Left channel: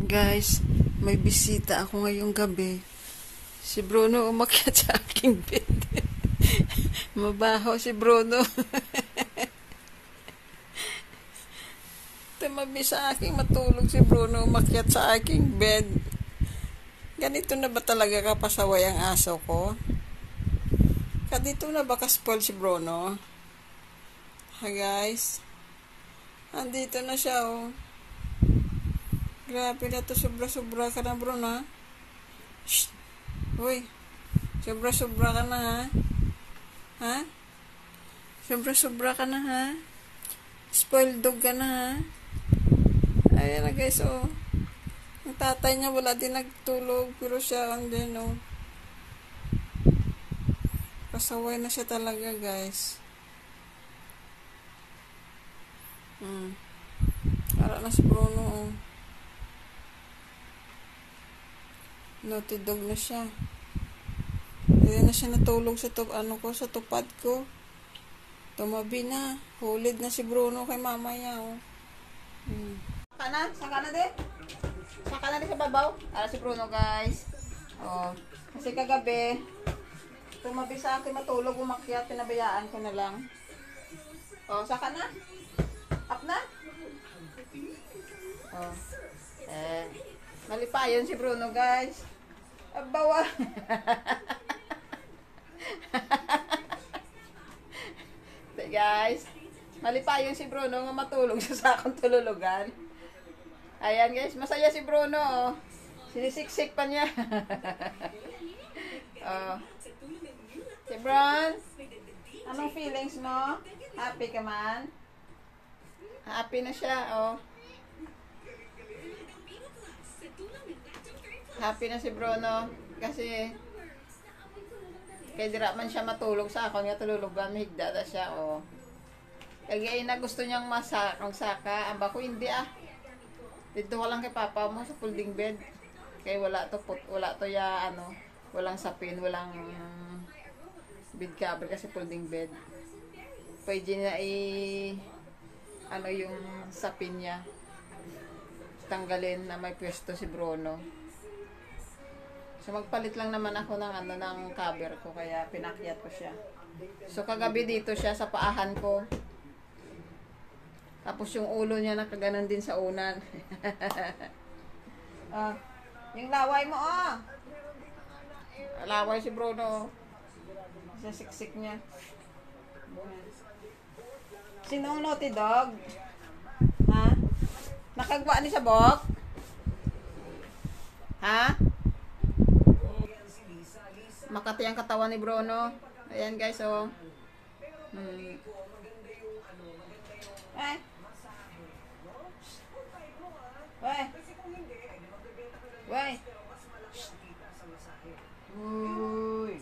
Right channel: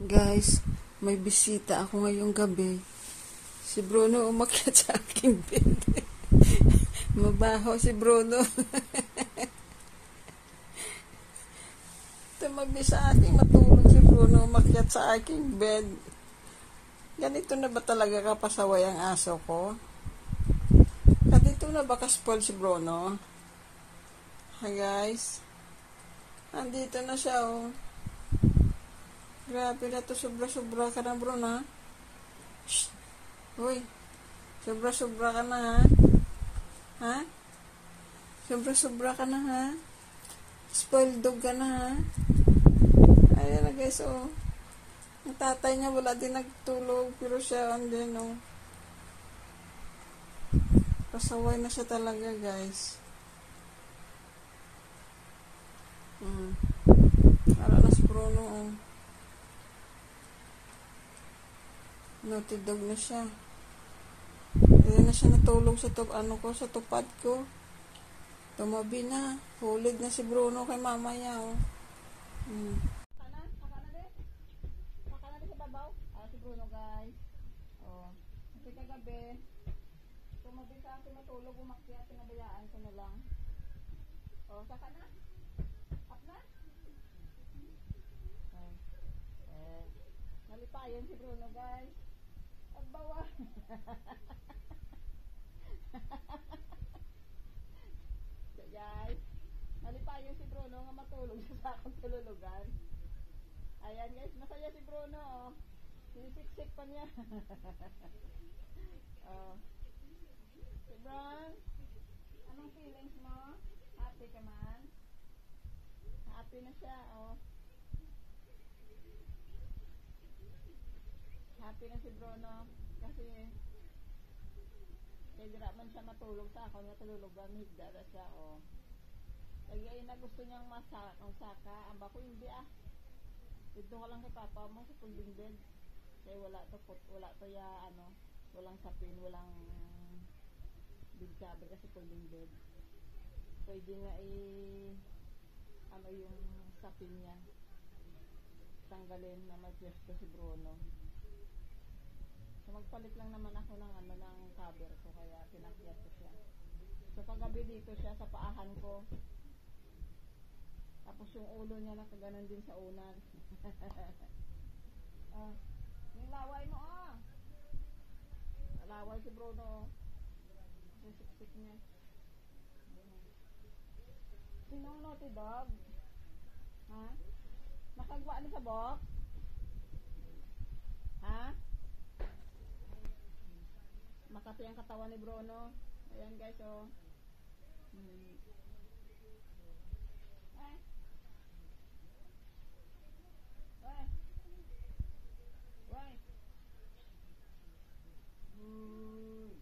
Guys, may bisita ako ngayong gabi. Si Bruno umakyat sa aking bed. Mabaho si Bruno. Tumabi sa aking matulog si Bruno umakyat sa aking bed. Ganito na ba talaga kapasaway ang aso ko? Ganito na ba ka-spoil si Bruno? Ha guys? Andito na siya oh. Grabe na to, sobra-sobra ka na Bruno. Shh! Uy! Sobra-sobra ka na ha? Ha? Sobra-sobra ka na ha? Spoiled dog ka na ha? Ayan na guys oh. Ang tatay niya wala din nagtulog pero siya andyan oh. Pasaway na siya talaga guys. Para na si Bruno oh. Naughty dog na siya. Ayan na siya natulog sa sa tupad ko. Tumabi na. Hulid na si Bruno kay mama niya oh. Saka na din. Saka na din sa babaw. Para si Bruno guys. Oh. Kasi kagabi tumabi sa akin matulog, umakyat, pinabayaan ko na lang. Oh, saka na. Up na. Oh. Malipayon si Bruno guys. Abawa. Guys, malipayon si Bruno nga matulog sa akong tululugan. Ayan guys, masaya si Bruno oh. Sinisiksik pa niya. Oh. Si Bron, anong feelings mo? Happy ka man? Happy na siya oh. Happy na si Bruno kasi kay dira man siya matulog sa akong nga tululugan, mahigda na siya oh. Kaya na gusto niyang masakang saka, amba ko hindi ah. Dito ka lang kay papa mo sa folding bed. Kay wala to ya ano, walang sapin, walang bed cover kasi folding bed. Pwede na ano yung sapin niya tanggalin na may pwesto si Bruno. So magpalit lang naman ako ng ng cover ko kaya pinakyat ko siya. So kagabi dito siya sa paahan ko. Tapos yung ulo niya nakaganon din sa unan. Yung laway mo oh. Laway si Bruno. Sa siksik niya. Sinong naughty dog? Ha? Nakagwa ni sa bok? Ha? Makati ang katawan ni Bruno. Ayan guys oh. Eh. Wey. Wey. Uy.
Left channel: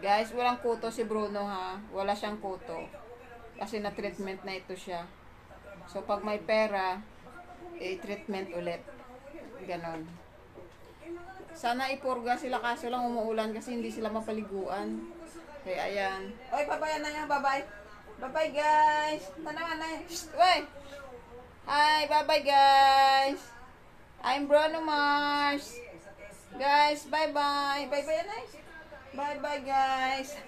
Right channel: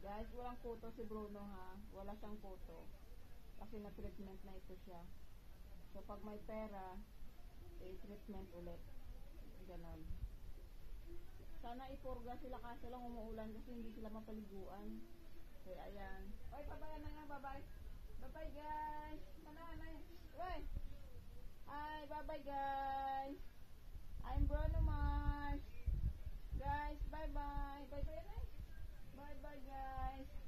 Guys, walang kuto si Bruno ha. Wala siyang kuto. Kasi na-treatment na ito siya. So, pag may pera, treatment ulit. Ganon. Sana ipurga sila kaso lang umuulan kasi hindi sila mapaliguan. Kaya ayan. Oy, babayan na yan, babay. Bye-bye guys. Tanaman na. Uy. Hi, bye-bye guys. I'm Bruno Mars. Guys, bye-bye. Bye-bye na. Bye-bye guys.